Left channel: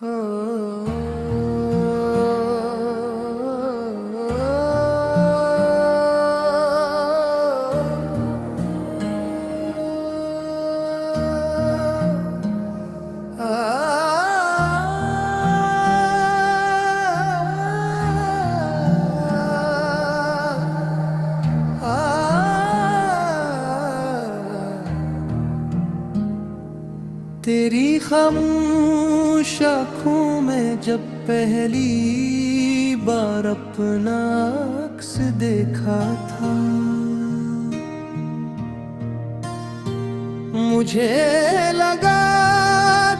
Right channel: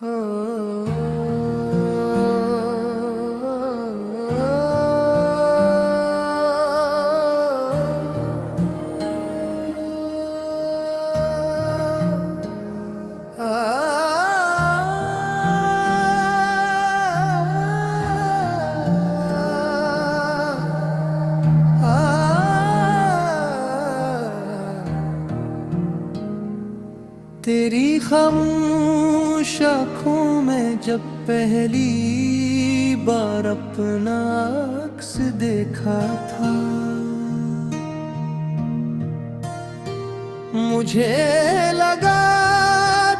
हो तेरी खामोश आँखों में जब पहली बार अपना अक्स देखा था, मुझे लगा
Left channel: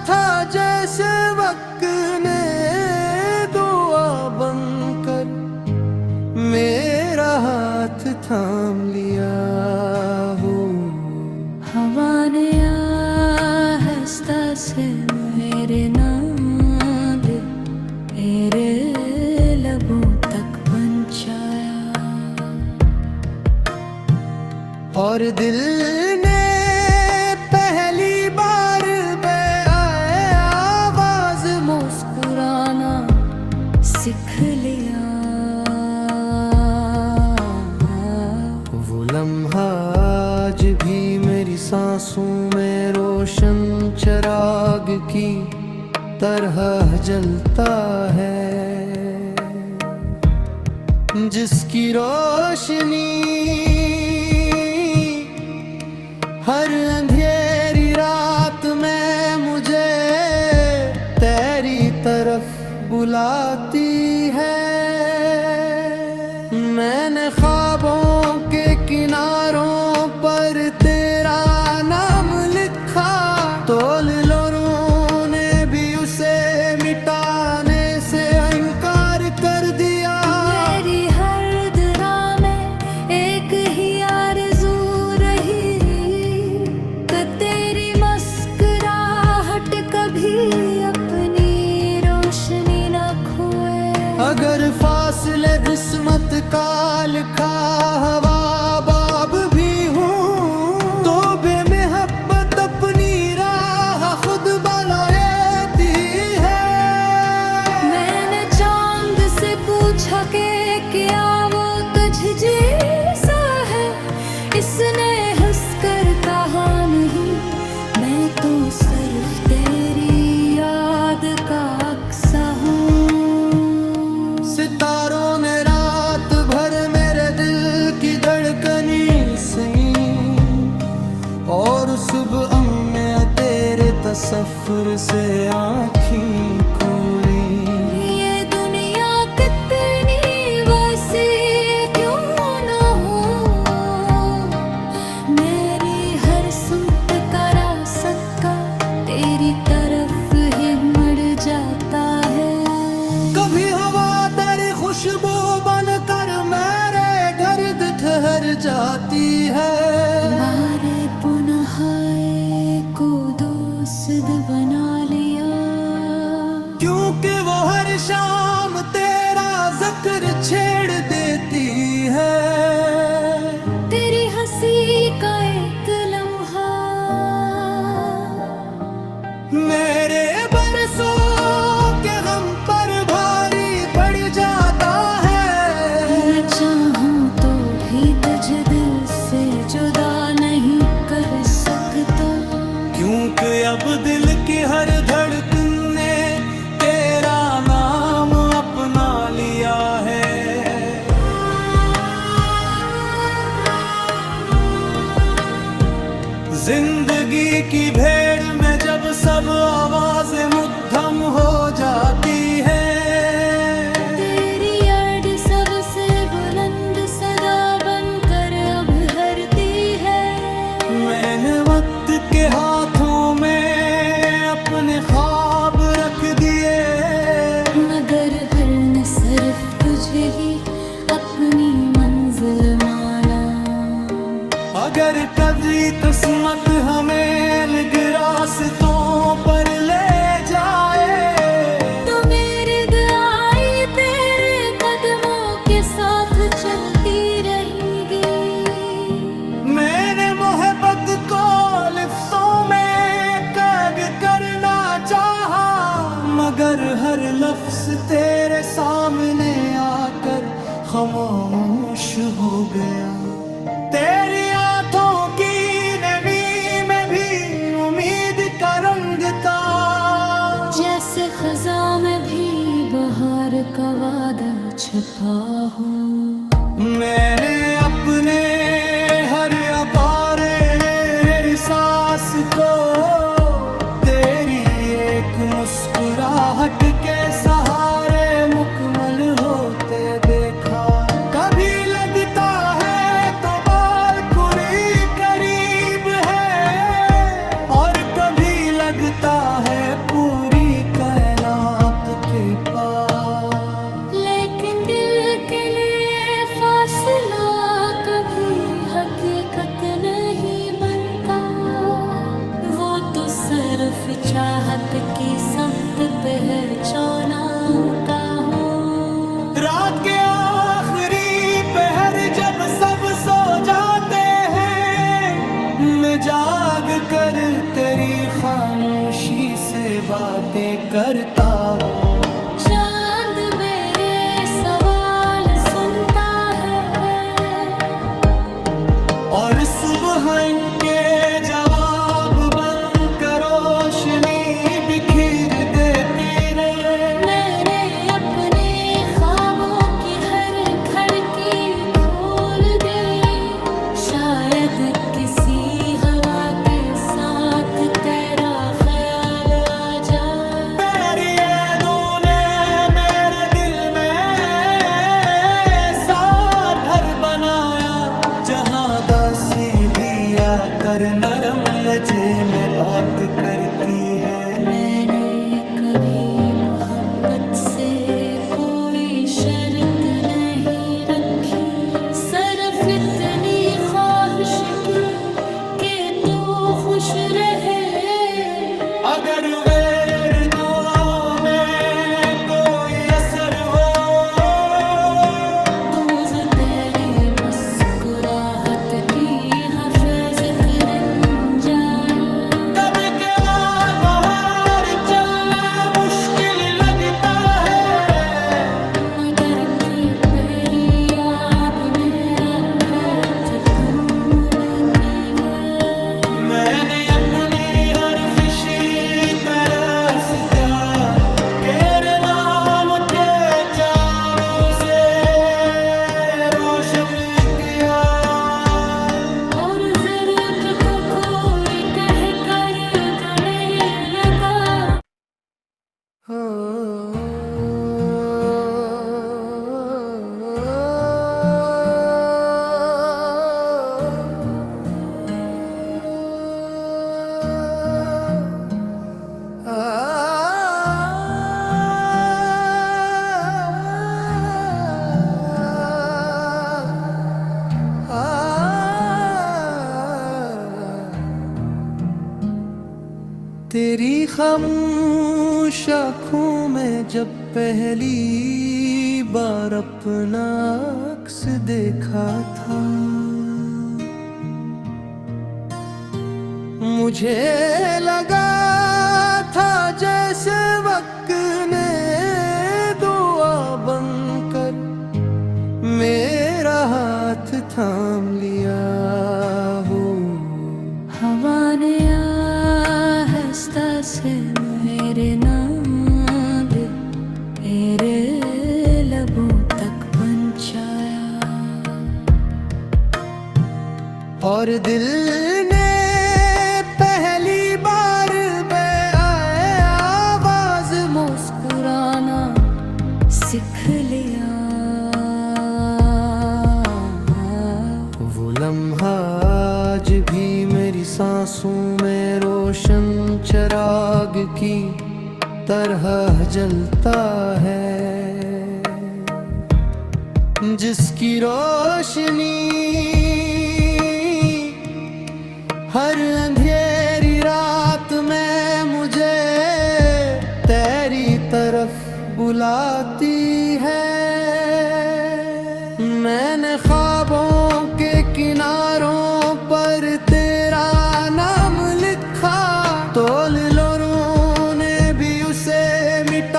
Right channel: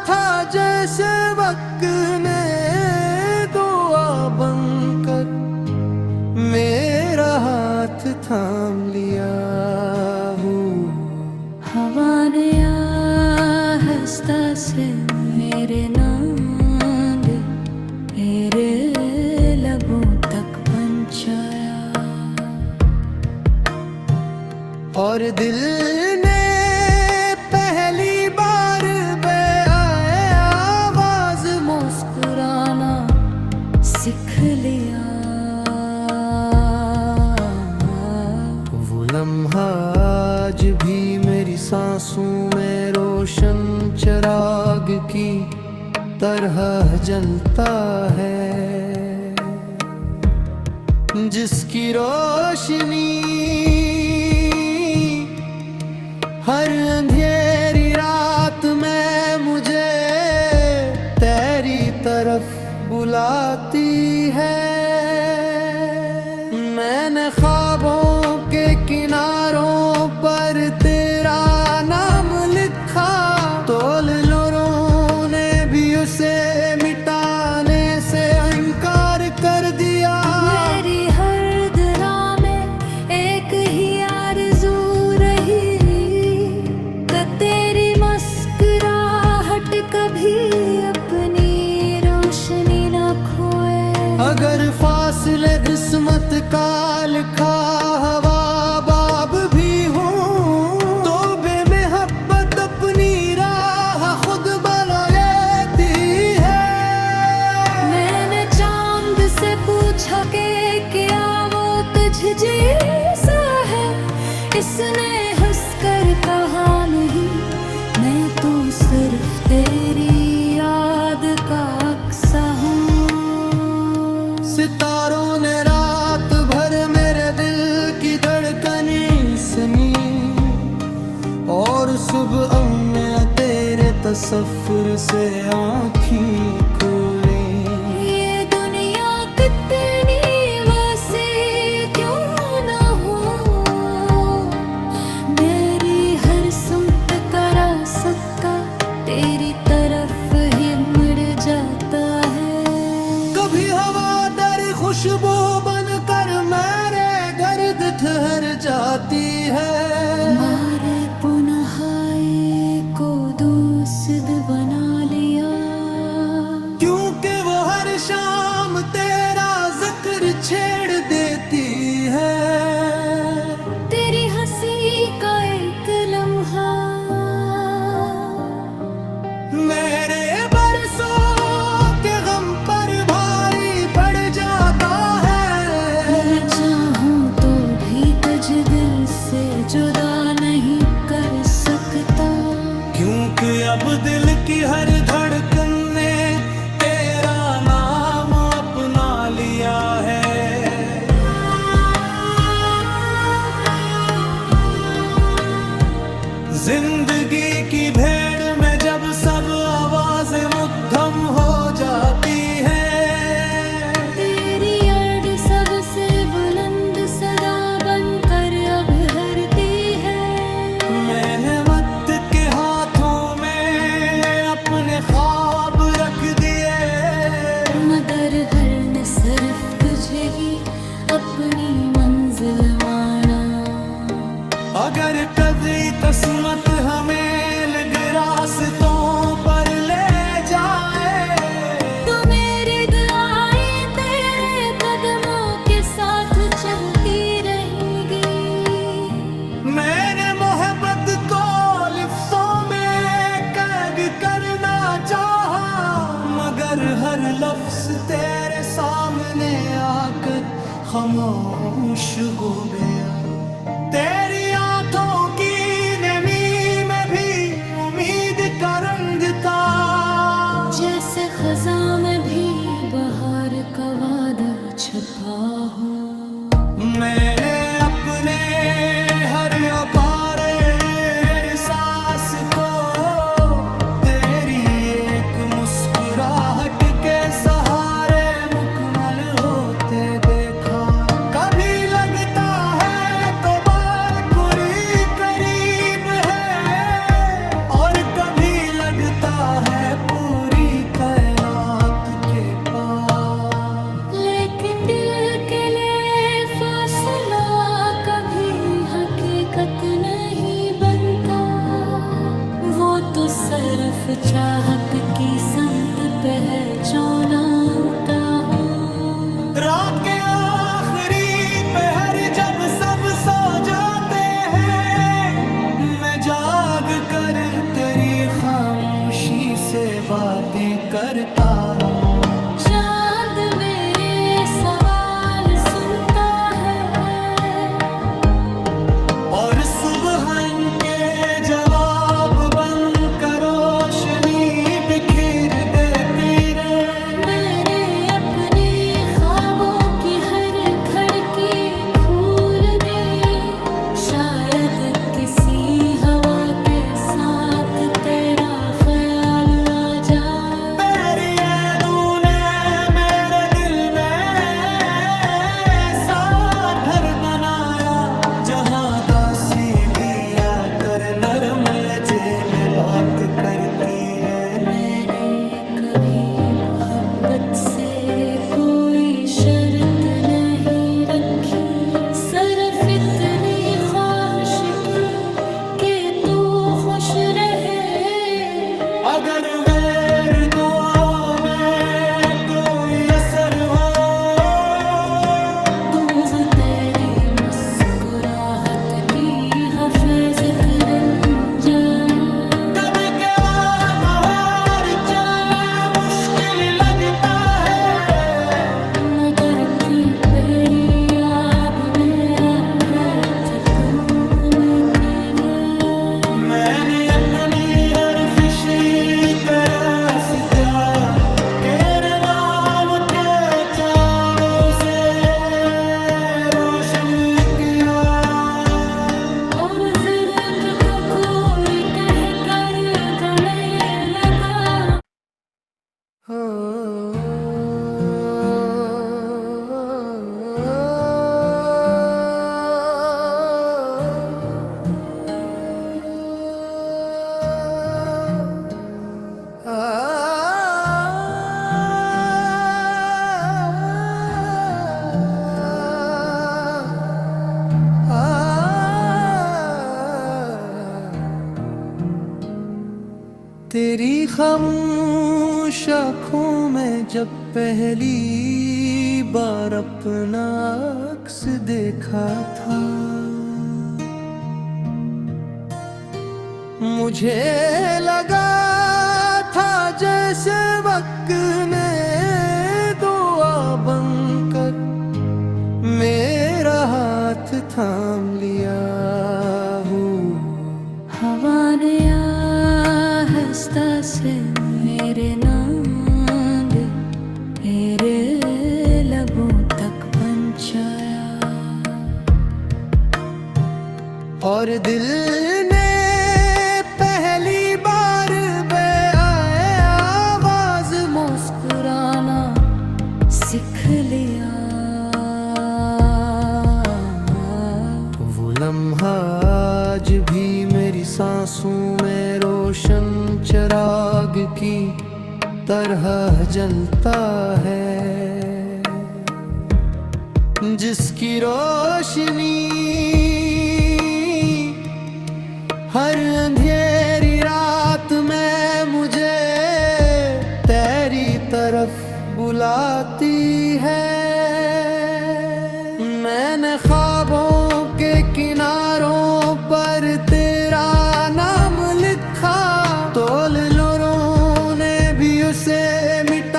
था जैसे वक्त ने दुआ बनकर मेरा हाथ थाम लिया हो। हवा ने आहिस्ता से मेरे नाम मेरे लबों तक पहुंचाया, और दिल ने पहली बार आवाज मुस्कुराना सीख लिया। वो लम्हा आज भी मेरी सांसों में रोशन चिराग की तरह जलता है, जिसकी रोशनी हर अंधेरी रात में मुझे तेरी तरफ बुलाती है। मैंने ख्वाबों के किनारों पर तेरा नाम लिखा, तोल लोरों ने भी उसे मिटाने से इनकार कर दिया। मेरी हर दरा में एक ही आरज़ू रही कि तेरी मुस्कुराहट कभी अपनी रोशनी न खोए। अगर फासले किस्मत का लिखा हवा बाब भी हूँ, तो बेमोहब्बत अपनी राह खुद बना लेती है। मैंने चांद से पूछा कि क्या वो तुझ जैसा है, इसने हंसकर कहा नहीं, मैं तो सिर्फ तेरी याद का अक्सा हूँ। सितारों ने रात भर मेरे दिल की धड़कनी सुनी, और सुबह में तेरे तसव्वुर से आँखें खोली। ये दुनिया कितनी वसी क्यों न हो, मेरी हर सुमत का रास्ता तेरी तरफ ही मुड़ जाता है। कभी हवा तेरी खुशबू बनकर मेरे गर्द ठहर जाती है। हमारे पुनः को दोस्त बना लिया, क्योंकि वो हर शाम तेरा जिक्र छेड़ देती है। तेरी हंसी का एक लम्हा मेरे बरसों के गम पर भारी पड़ जाता है। मैं चाहूं तो भी तुझे दिल से जुदा नहीं कर सकता, क्योंकि अब दिल की हर धड़कन ने तेरा नाम अपना लिया है। जिंदगी की भेड़ में जब सब आवाजें मुद्दम हो जाती हैं, तेरी याद सबसे बुलंद सदा बनकर अब हरती है। मैंने वक्त के हाथों में अपने ख्वाब रख दिए, मगर हर ने सिर्फ तुझे ही अपनी मंजिल माना। अगर कभी किस्मत हमें अलग रास्तों पर ले जाए, तो मेरी दुआएं तेरे कदमों के साथ चलती रहेंगी। मैंने मोहब्बत को लिफ्टों में कैद करना चाहा, अगर हर लफ्ज तेरे सामने आकर खामोश हो गया, तेरी आंखों की नमी में भी उम्मीद का रंग था। जैसे खज़ां में भी बहार का वादा छुपा हो। मैंने अपने हर अपारे सांस को तेरी एक मुस्कुराहट के सहारे मुकम्मल होते देखा। कभी लगता है तो बालकुरी करीब है, और कभी लगता है पूरी कायनात के पास। लेकिन दिल के लिए फासला कभी हकीकत नहीं बनता, वो तो सिर्फ चाहत की समत पहचाना का हो। रात के आखिरी पहर जब सब सो जाते हैं, मैं जाग कर तेरी खामोशी से बातें करता हूँ। चांद मेरे सवाल सुनता है, और सुबह इनके जवाब बन कर रोशनी बिखेर देती रहे। मैंने अपने ख्वाबों की हर खिड़की खोल दी, शायद किसी हवा के साथ तेरा ख्याल आ जाए। तेरी ये तूने मेरे दिल में सार घर बनाया, जहाँ दासी भी आकर नरम लजे में बात करती है। मैंने कभी मोहब्बत से कोई शर्त नहीं रखी, सिर्फ इतनी ख्वाहिश की कि तू खुश रहे। अगर वेर दुआ में कोई असर हो, तू वो तेरी मुस्कुराहट की हिफाजत बन जाए। कभी के बाहर चलना मुश्किल लगता है, मगर थी तेरी याद मेरा हाथ तूने की है। मैंने अपनी हर खुशी तरह से तेरे नाम के चावों से रोशन किया, और जरूरत को कोई कह कर देने लगा। तेरी खामोश आँखों में जब पहली बार अपना अक्स देखा था, मुझे लगा था जैसे वक्त ने दुआ बनकर मेरा हाथ थाम लिया हो। हवा ने आहिस्ता से मेरे नाम तेरे लबों तक पहुंचाया, और दिल ने पहली बार आवाज मुस्कुराना सीख लिया। वो लम्हा आज भी मेरी सांसों में रोशन चिराग की तरह जलता है, जिसकी रोशनी हर अंधेरी रात में मुझे तेरी तरफ बुलाती है। मैंने ख्वाबों के किनारों पर तेरा नाम लिखा, तोल लोरों ने भी उसे मिटा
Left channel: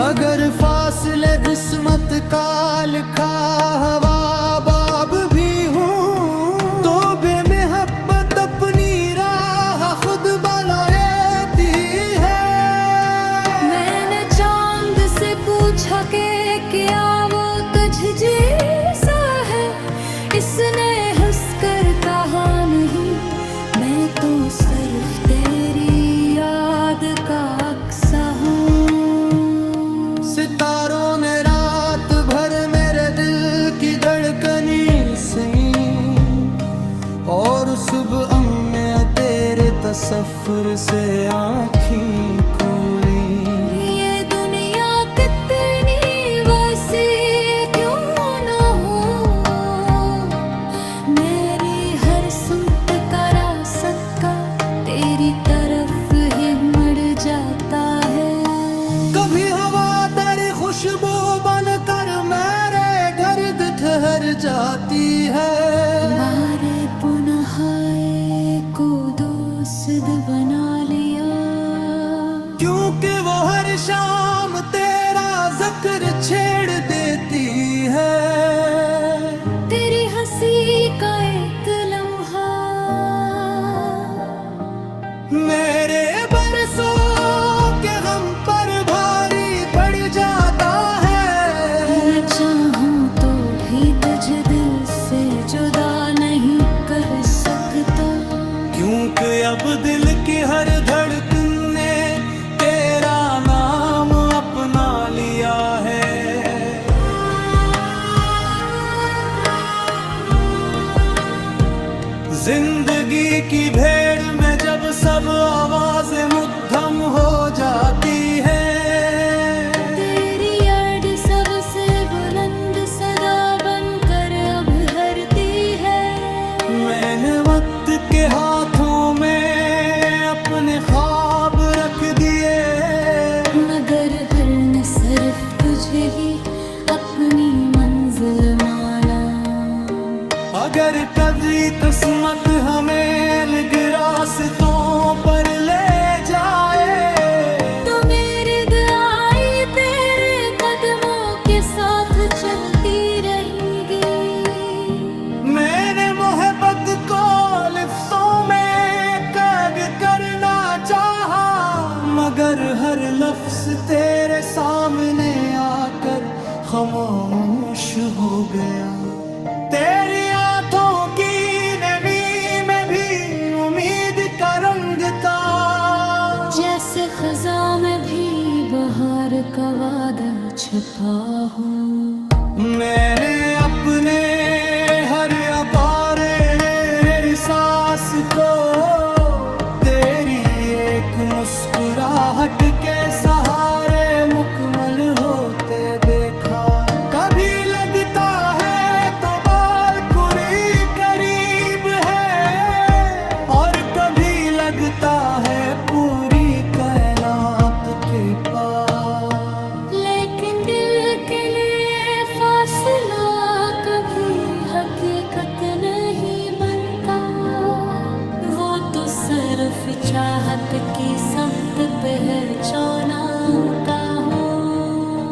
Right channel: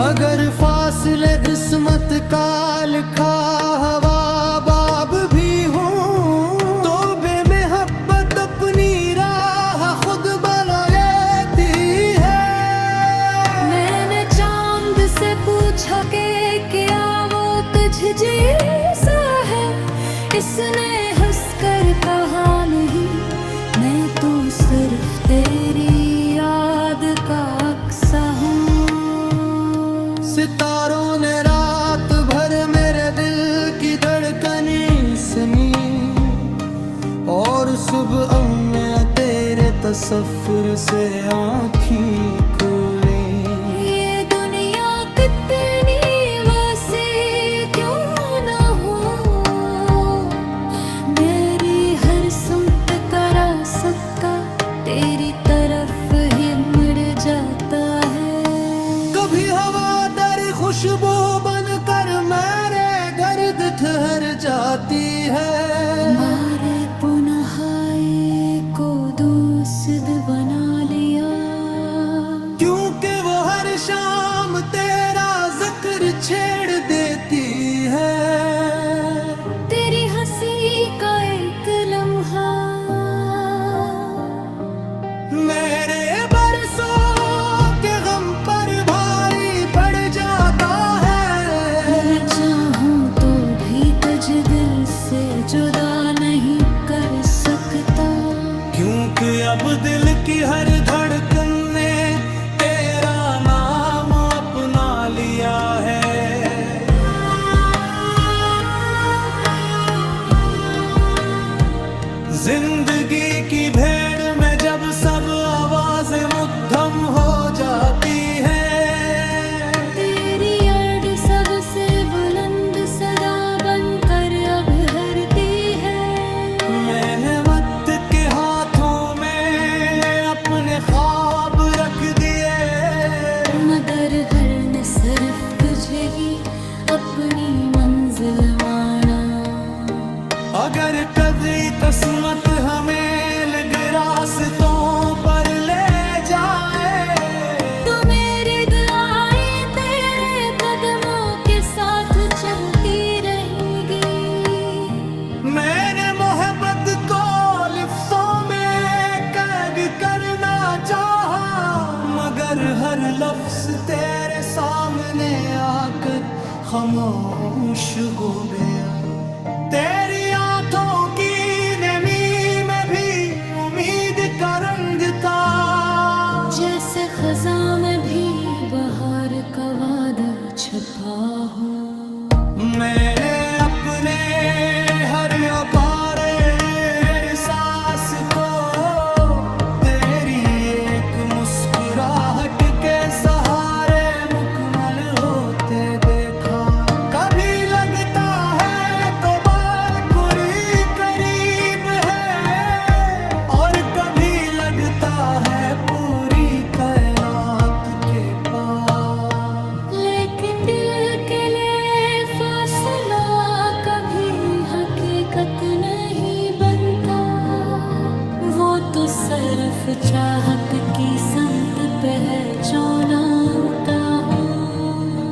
अगर फासले किस्मत का लिखा हवा बाब भी हूँ तो बेमहब्बत अपनी राह खुद बना लेती है। मैंने चांद से पूछा कि क्या वो तुझ जैसा है, इसने हंसकर कहा नहीं, मैं तो सिर्फ तेरी याद का अक्सा हूँ। सितारों ने रात भर मेरे दिल की धड़कनी सुनी और सुबह में तेरे तसव्वुर से आँखें खुली। ये दुनिया कितनी वसी क्यों ना हो, मेरी हर सुमत का रास्ता तेरी तरफ ही मुड़ जाता है। कभी हवा तेरी खुशबू बनकर मेरे गर्द ठहर जाती है। हमारे पुनः को दोस्त बना लिया, क्योंकि वो हर शाम तेरा जिक्र छेड़ देती है। तेरी हंसी का एक लम्हा मेरे बरसों के गम पर भारी पड़ जाता है। मैं चाहूं तो भी तुझे दिल से जुदा नहीं कर सकता, क्योंकि अब दिल की हर धड़कन ने तेरा नाम अपना लिया है। जिंदगी की भेड़ में जब सब आवाजें मुद्दम हो जाती हैं, तेरी याद सबसे बुलंद सदा बनकर अब हरती है। मैंने वक्त के हाथों में अपने ख्वाब रख दिए, मगर हर ने सिर्फ तुझे ही अपनी मंजिल माना। अगर कभी किस्मत हमें अलग रास्तों पर ले जाए तो मेरी दुआएं तेरे कदमों के साथ चलती रहेंगी। मैंने मोहब्बत को लिफ्ज़ों में कैद करना चाहा, मगर हर लफ्ज तेरे सामने आकर खामोश हो गया। तेरी आंखों की नमी में भी उम्मीद का रंग था, जैसे खज़ां में भी बहार का वादा छुपा हो। मैंने अपने हर अपारे सांस को तेरी एक मुस्कुराहट के सहारे मुकम्मल होते देखा। कभी लगता है तो बालकुरी करीब है और कभी लगता है पूरी कायनात के पास। लेकिन दिल के लिए फासला कभी हकीकत नहीं बनता, वो तो सिर्फ चाहत की समत पहचाना का हो।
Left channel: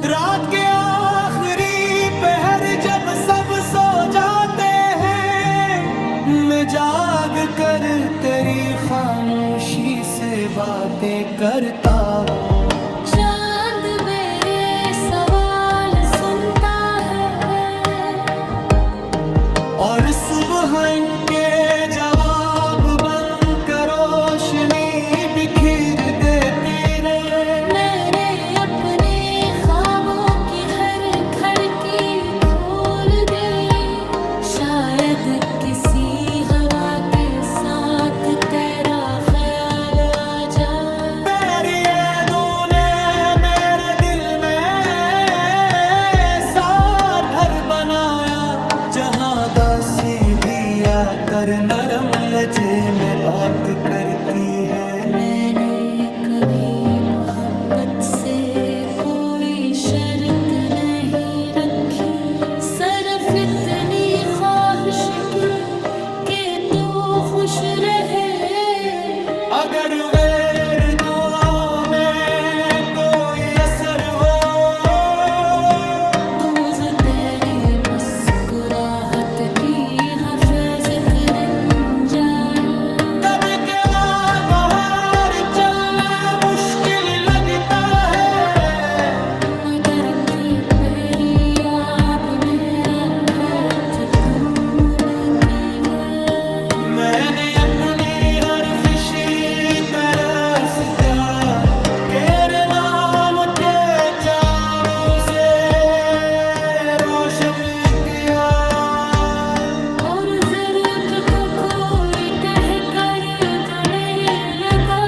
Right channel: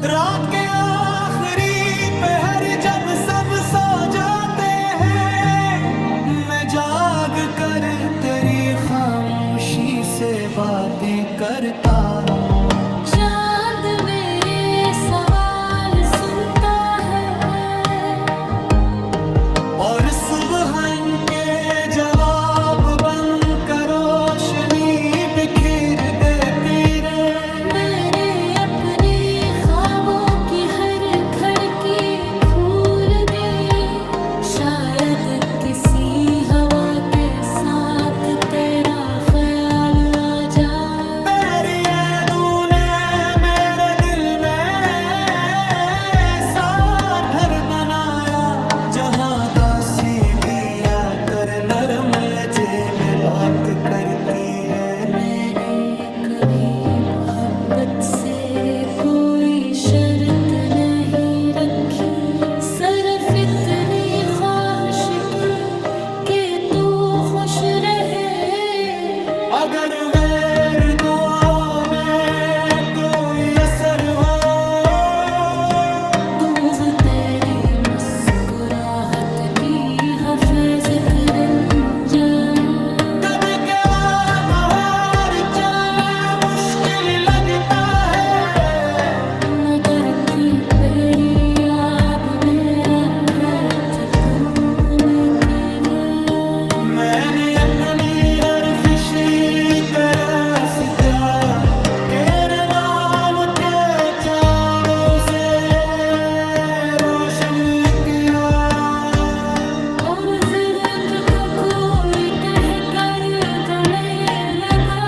रात के आखिरी पहर जब सब सो जाते हैं, मैं जाग कर तेरी खामोशी से बातें करता हूँ। चांद मेरे सवाल सुनता है और सुबह इनके जवाब बनकर रोशनी बिखेर देती रहे। मैंने अपने ख्वाबों की हर खड़की खोल दी, शायद किसी हवा के साथ तेरा ख्याल आ जाए। तेरी यादों ने मेरे दिल में सार घर बनाया, जहाँ दासी भी आकर नरम लजे में बात कर की है। मैंने कभी मोहब्बत से कोई शर्त नहीं रखी, सिर्फ इतनी ख्वाहिश की कि तू खुश रहे। अगर वेर दुआ में कोई असर हो मुस्कुराहट की हफेज किरण जाए। कभी के वहाँ बाहर चलना मुश्किल लगता है, मगर थी तेरी याद मेरा हाथ तूने की है। मैंने अपनी हर खुशी तरह सिता तेरे नाम के चावों से रोशन किया, और जरूरत को कोई कह कर तने लगा।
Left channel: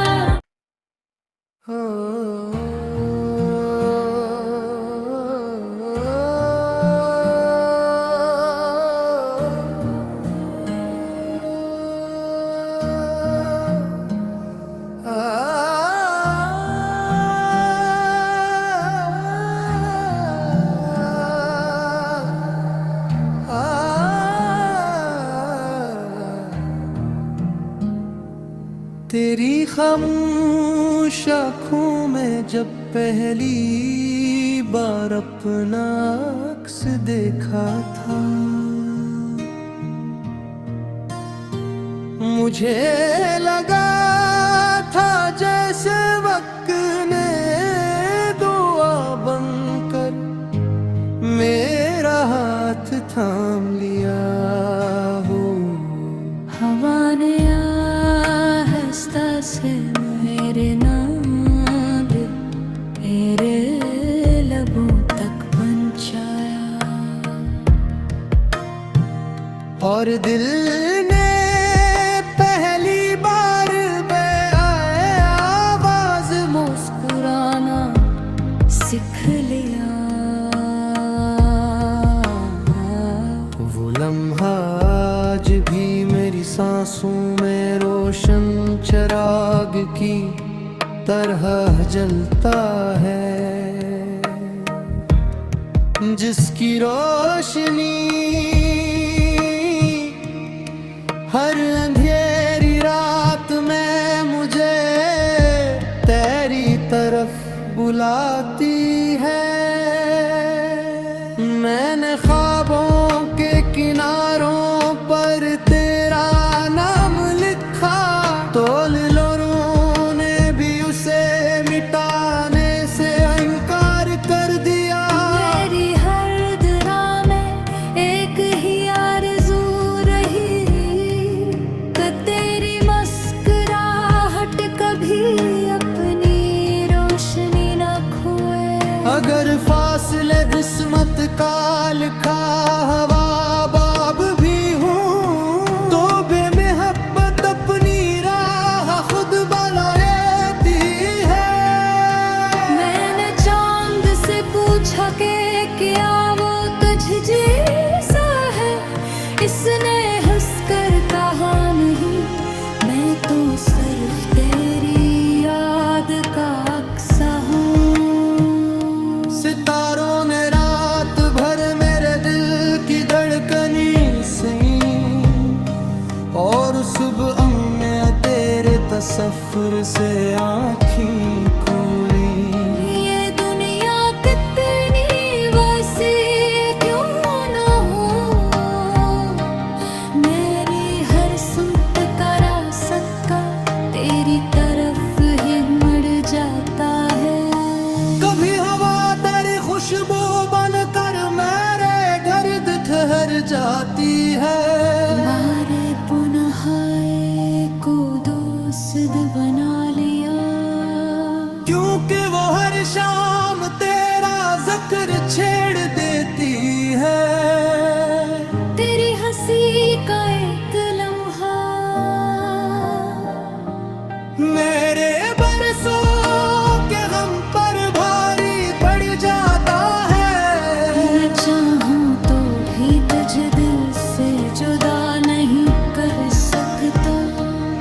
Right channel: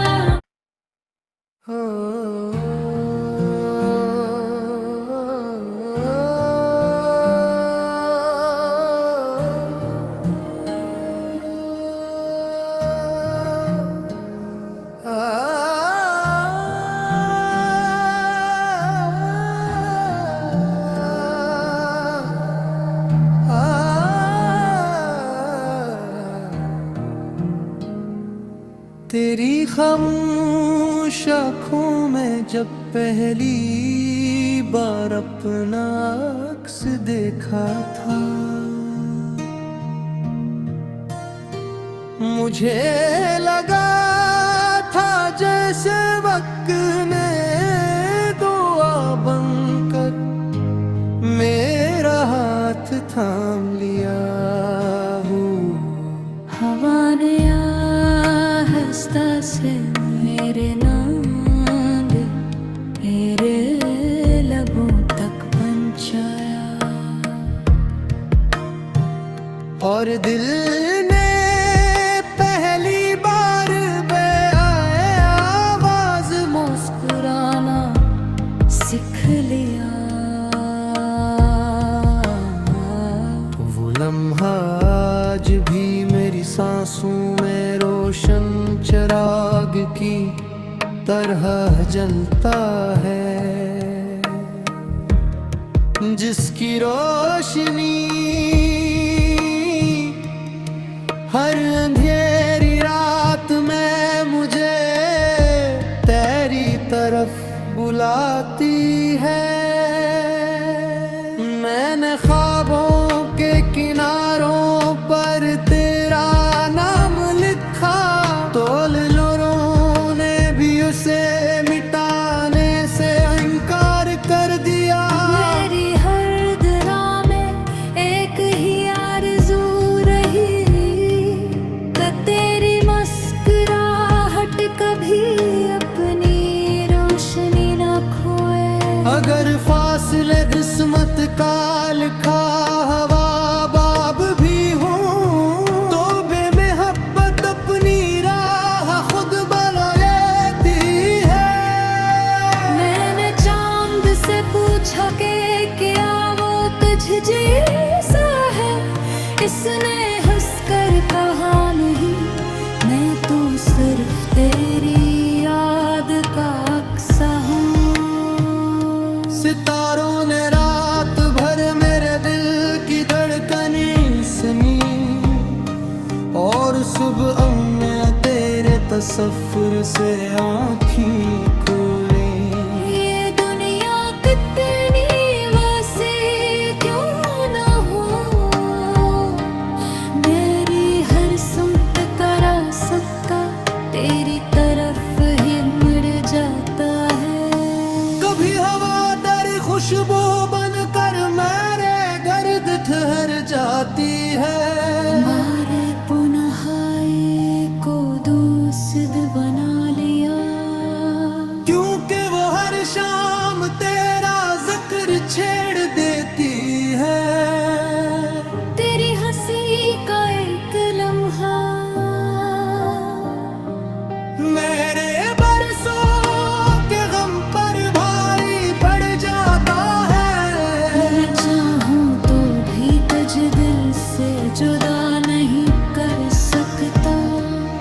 तेरी खामोश आँखों में जब पहली बार अपना अक्स देखा था, मुझे लगा था जैसे वक्त ने दुआ बनकर मेरा हाथ थाम लिया हो। हवा ने आहिस्ता से मेरे नाम तेरे लबों तक पहुंचाया, और दिल ने पहली बार आवाज मुस्कुराना सीख लिया। वो लम्हा आज भी मेरी सांसों में रोशन चिराग की तरह जलता है, जिसकी रोशनी हर अंधेरी रात में मुझे तेरी तरफ बुलाती है। मैंने ख्वाबों के किनारों पर तेरा नाम लिखा, तोल लोरों ने भी उसे मिटाने से इनकार कर दिया। मेरी हर धरा में एक ही आरज़ू रही कि तेरी मुस्कुराहट कभी अपनी रोशनी न खोए। अगर फासले किस्मत का लिखा हवा बाब भी हूँ, तो बेमहब्बत अपनी राह खुद बना लेती है। मैंने चांद से पूछा कि क्या वो तुझ जैसा है, इसने हंसकर कहा नहीं, मैं तो सिर्फ तेरी याद का अक्सा हूँ। सितारों ने रात भर मेरे दिल की धड़कनी सुनी, और सुबह में तेरे तसव्वुर से आँखें खुली। ये दुनिया कितनी वसी क्यों न हो, मेरी हर सुमत का रास्ता तेरी तरफ ही मुड़ जाता है। कभी हवा तेरी खुशबू बनकर मेरे गर्द ठहर जाती है। मारे पुनः को दोस्त बना लिया, क्योंकि वो हर शाम तेरा जिक्र छेड़ देती है। तेरी हंसी का एक लम्हा मेरे बरसों के गम पर भारी पड़ जाता है। मैं चाहूं तो भी तुझे दिल से जुदा नहीं कर सकता,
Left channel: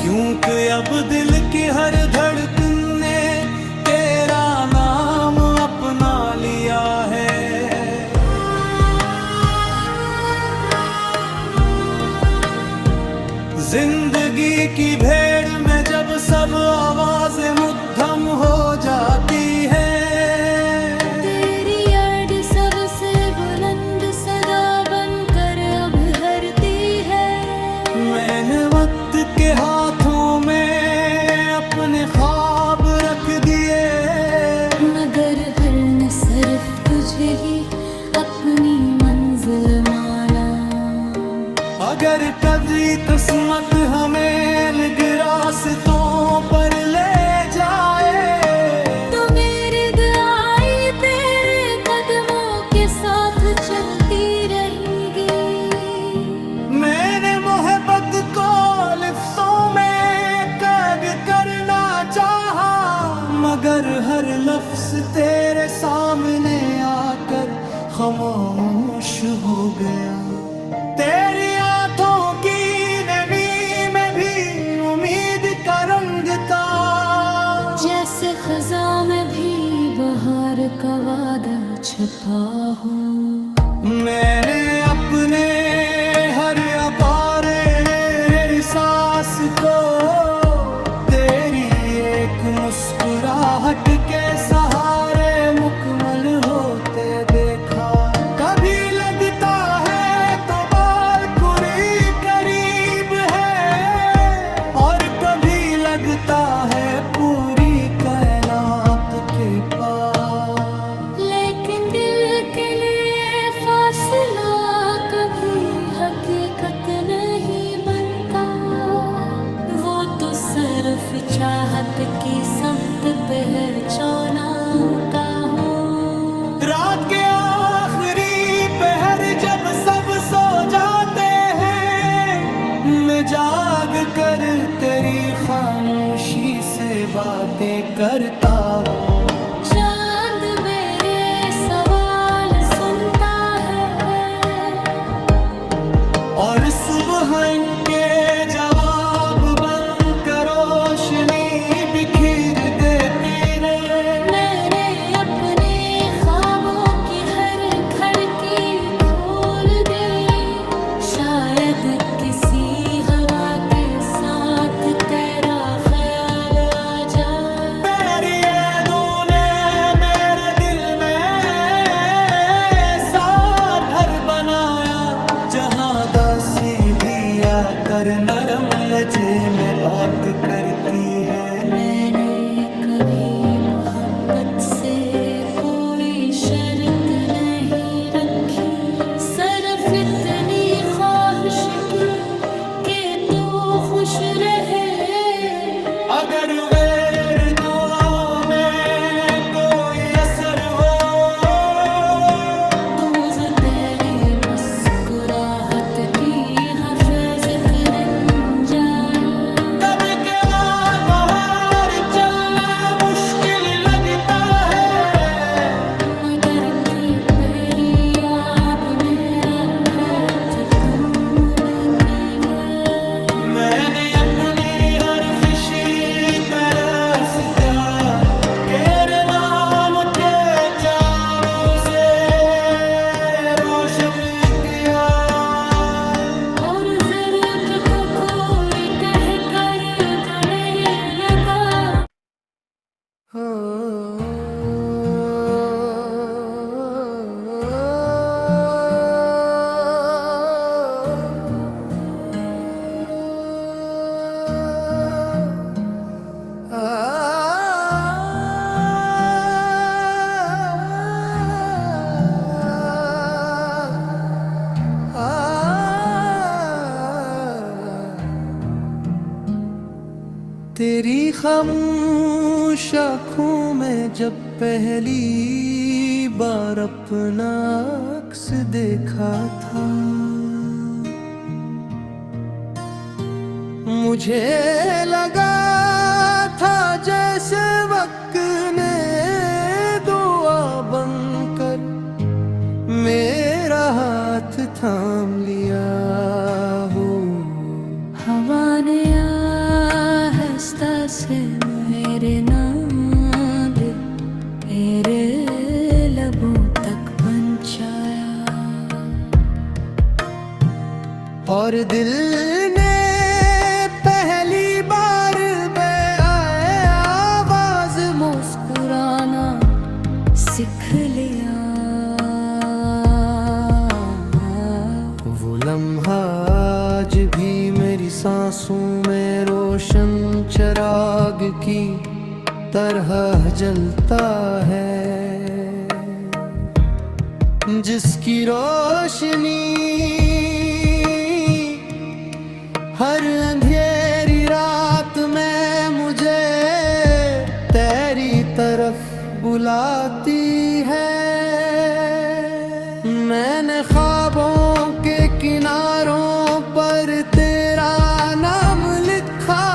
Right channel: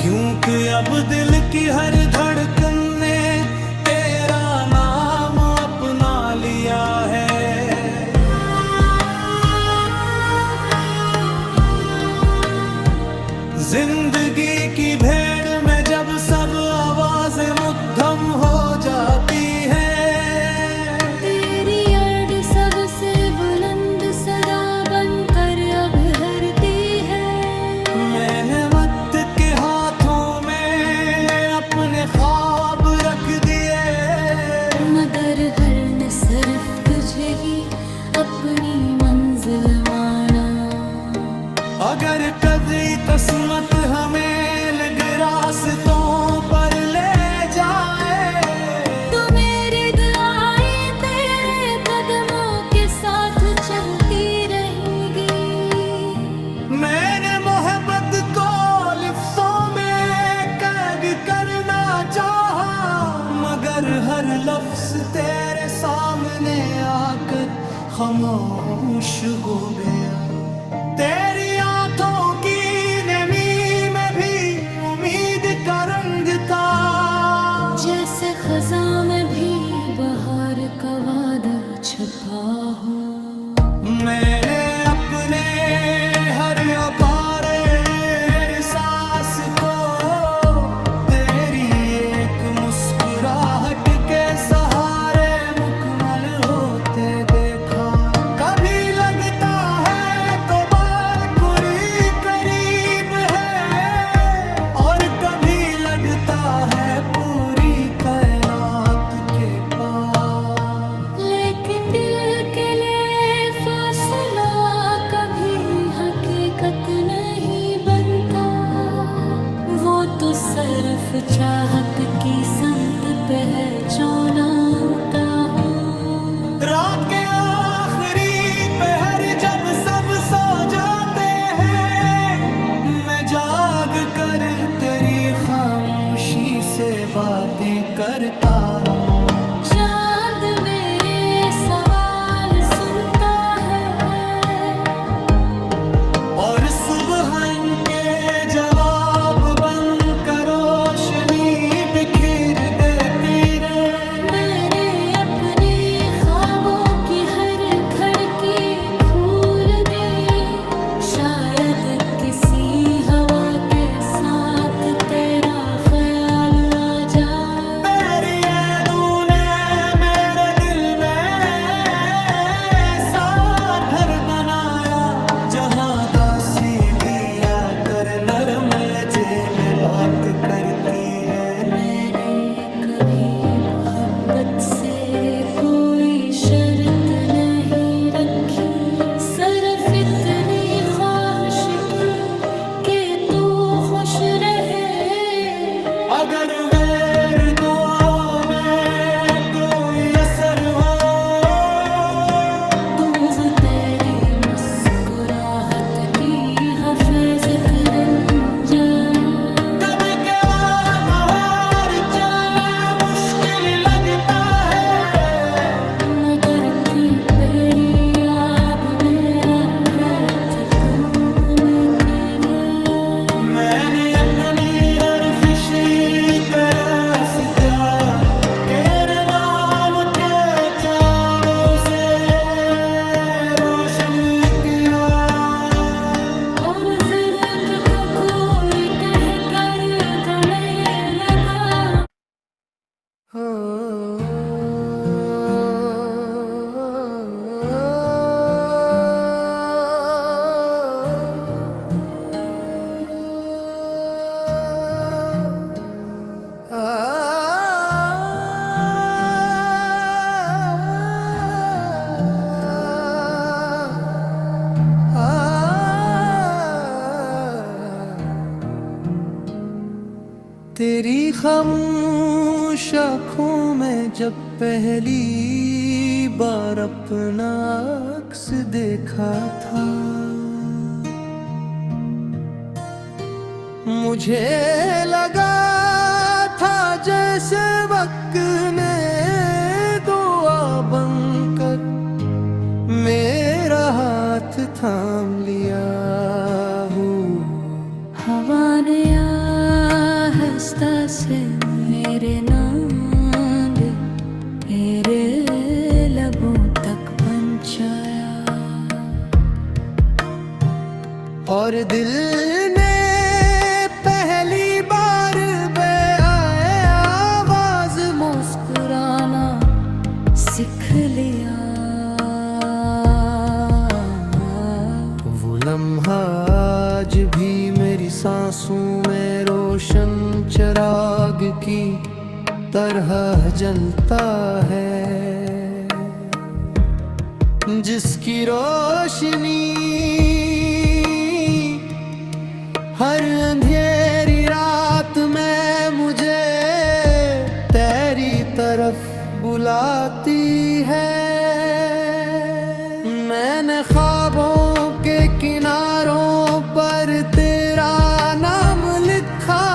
क्योंकि अब दिल की हर धड़कन ने तेरा नाम अपना लिया है। जिंदगी की भेड़ में जब सब आवाजें मुद्दम हो जाती हैं, तेरी याद सबसे बुलंद सदा बनकर मुझे ही अपनी मंजिल माना। अगर कभी किस्मत हमें अलग रास्तों पर ले जाए, तो मेरी दुआएं तेरे कदमों के साथ चलती रहेंगी। मैंने मोहब्बत को लिफ्ज़ों में कैद करना चाहा, मगर हर लफ्ज़ तेरे सामने आकर खामोश हो गया। तेरी आंखों की नमी में भी उम्मीद का रंग था, जैसे खज़ां में भी बहार का वादा छुपा हो। मैंने अपने हर अपारे एहसास को तेरी एक मुस्कुराहट के सहारे मुकम्मल होते देखा। कभी लगता है तो बालकुरी करीब है, और कभी लगता है पूरी कायनात के पास। लेकिन दिल के लिए फासला कभी हकीकत नहीं बनता, वो तो सिर्फ चाहत की संत पहचाना का हो। रात के आखिरी पहर जब सब सो जाते हैं, मैं जाग कर तेरी खामोशी से बातें करता हूँ। चांद मेरे सवाल सुनता है, और सुबह इनके जवाब बनकर रोशनी बिखेर देती रहे। मैंने अपने ख्वाबों की हर खिड़की खोल दी, शायद किसी हवा के साथ तेरा ख्याल आ जाए। तेरी यादों ने मेरे दिल में सार घर बनाया, जहाँ दासी भी आकर नरम लजे में बात करती है। मैंने कभी मोहब्बत से कोई शर्त नहीं रखी, सिर्फ इतनी ख्वाहिश की कि तू खुश रहे। अगर वेर दुआ में कोई असर हो, तू वो तेरी मुस्कुराहट की हिफाजत बन जाए। कभी के बाहर चलना मुश्किल लगता है, मगर थी तेरी याद मेरा हाथ तुमने की है। मैंने अपनी हर खुशी का रास्ता तेरे नाम के चावों से रोशन किया। और जरूरत को कोई कह कर तने लगा। तेरी खामोश आँखों में जब पहली बार अपना अक्स देखा था, मुझे लगा था जैसे वक्त ने दुआ बनकर मेरा हाथ थाम लिया हो। हवा ने आहिस्ता से मेरे नाम तेरे लबों तक पहुंचाया, और दिल ने पहली बार आवाज मुस्कुराना सीख लिया। वो लम्हा आज भी मेरी सांसों में रोशन चिराग की तरह जलता है। जिसकी रोशनी हर अंधेरी रात में मुझे तेरी तरफ बुलाती है। मैंने ख्वाबों के किनारों पर तेरा नाम लिखा,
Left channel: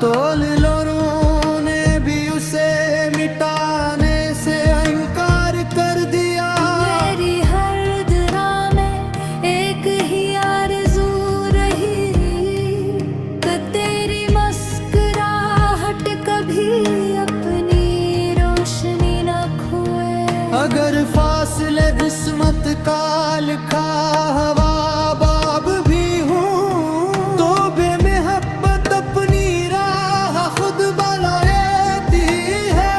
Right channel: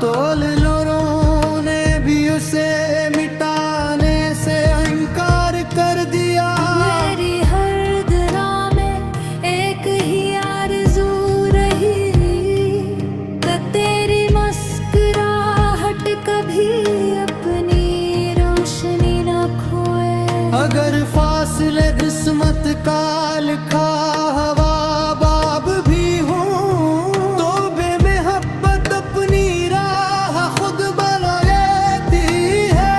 तोल लोरों ने भी उसे मिटाने से इनकार कर दिया। मेरी हर दरा में एक ही आरज़ू रही कि तेरी मुस्कुराहट कभी अपनी रोशनी न खोए। अगर फासले किस्मत का लिखा हवा बाब भी हूँ, तो बेमहब्बत अपनी राह खुद बना लेती है।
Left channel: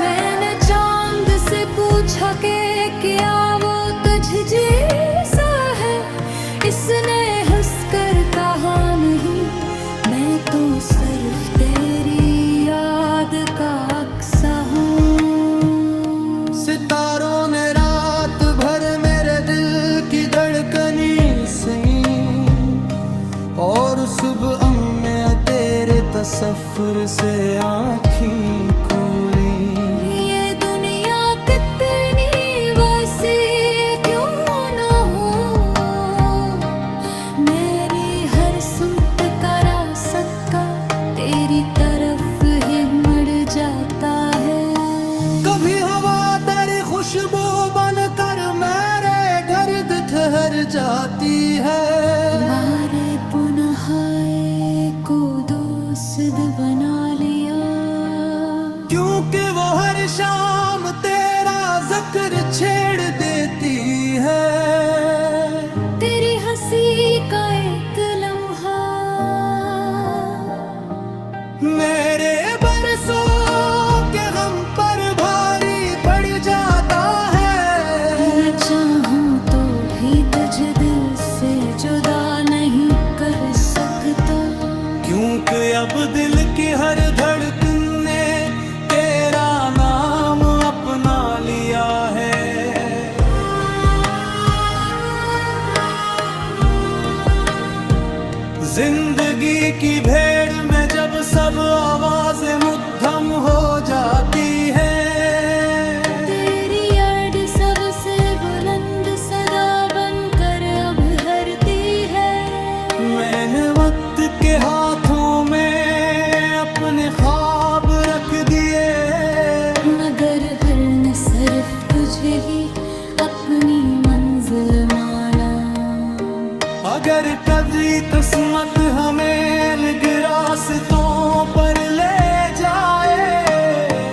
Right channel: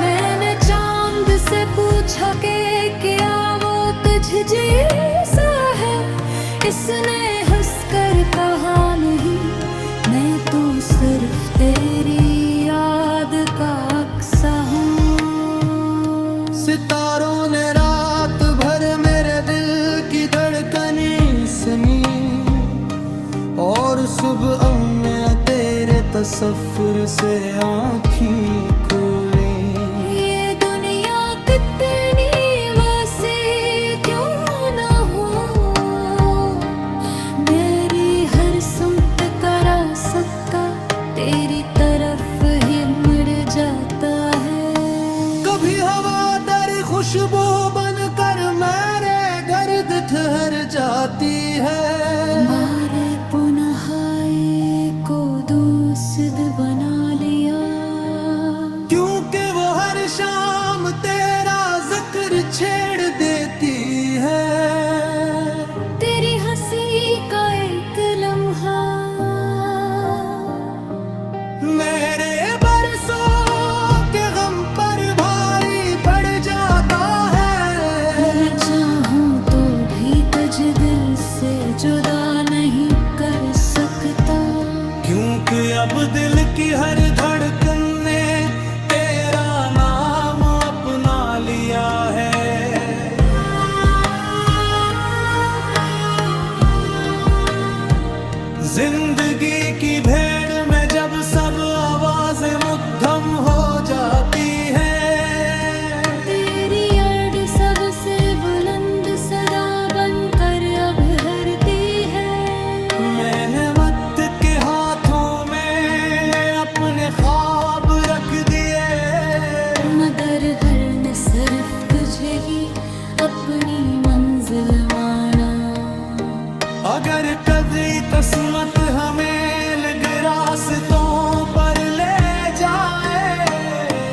मैंने चांद से पूछा कि क्या वो तुझ जैसा है, इसने हंसकर कहा नहीं, मैं तो सिर्फ तेरी याद का अक्सा हूँ। सितारों ने रात भर मेरे दिल की धड़कनी सुनी, और सुबह में तेरे तसव्वुर से आँखें खुली। ये दुनिया कितनी वसी क्यों न हो, मेरी हर सुमत का रास्ता तेरी तरफ ही मुड़ जाता है। कभी हवा तेरी खुशबू बनकर मेरे गर्द ठहर जाती है। हमारे पुनः को दोस्त बना लिया, क्योंकि वो हर शाम तेरा जिक्र छेड़ देती है। तेरी हंसी का एक लम्हा मेरे बरसों के गम पर भारी पड़ जाता है। मैं चाहूं तो भी तुझे दिल से जुदा नहीं कर सकता, क्योंकि अब दिल की हर धड़कन ने तेरा नाम अपना लिया है। जिंदगी की भेड़ में जब सब आवाजें मुद्दम हो जाती हैं, तेरी अर्ड सबसे बुलंद सदा बनकर अब हरती है। मैंने वक्त के हाथों में अपने ख्वाब रख दिए, मगर हर ने सिर्फ तुझे ही अपनी मंजिल माना। अगर कभी किस्मत हमें अलग रास्तों पर ले जाए,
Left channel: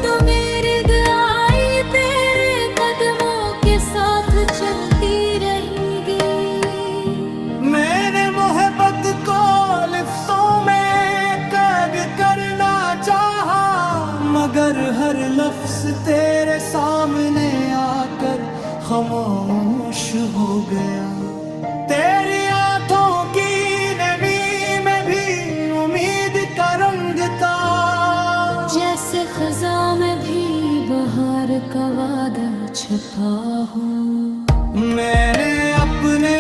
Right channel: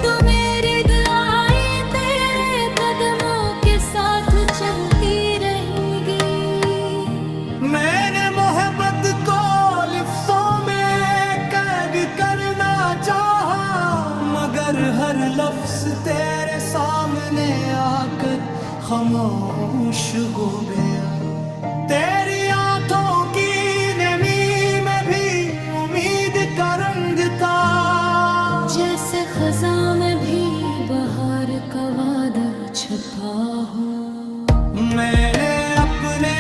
तो मेरी दुआएं तेरे कदमों के साथ चलती रहेंगी। मैंने मोहब्बत को लिफ्ज़ों में कैद करना चाहा, मगर हर लफ्ज़ तेरे सामने आकर खामोश हो गया। तेरी आंखों की नमी में भी उम्मीद का रंग था, जैसे खज़ां में भी बहार का वादा छुपा हो। मैंने अपने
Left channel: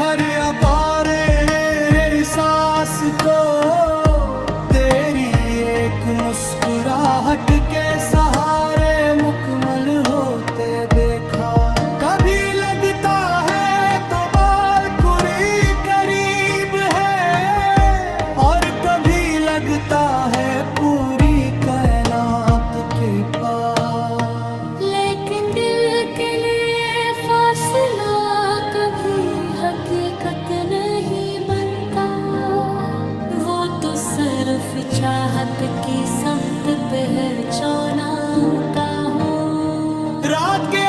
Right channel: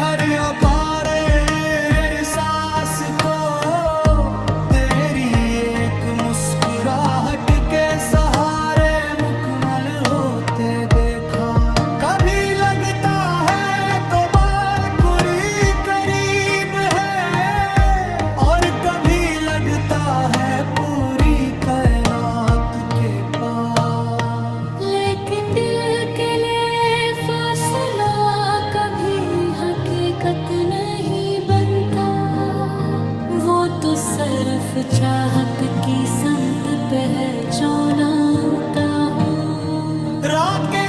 हर अपारे सांस को तेरी एक मुस्कुराहट के सहारे मुकम्मल होते देखा। कभी लगता है तो बालकुरी करीब है, और कभी लगता है पूरी कायनात के पास। लेकिन दिल के लिए फासला कभी हकीकत नहीं बनता, वो तो सिर्फ चाहत की संत पहचाना का हो। रात के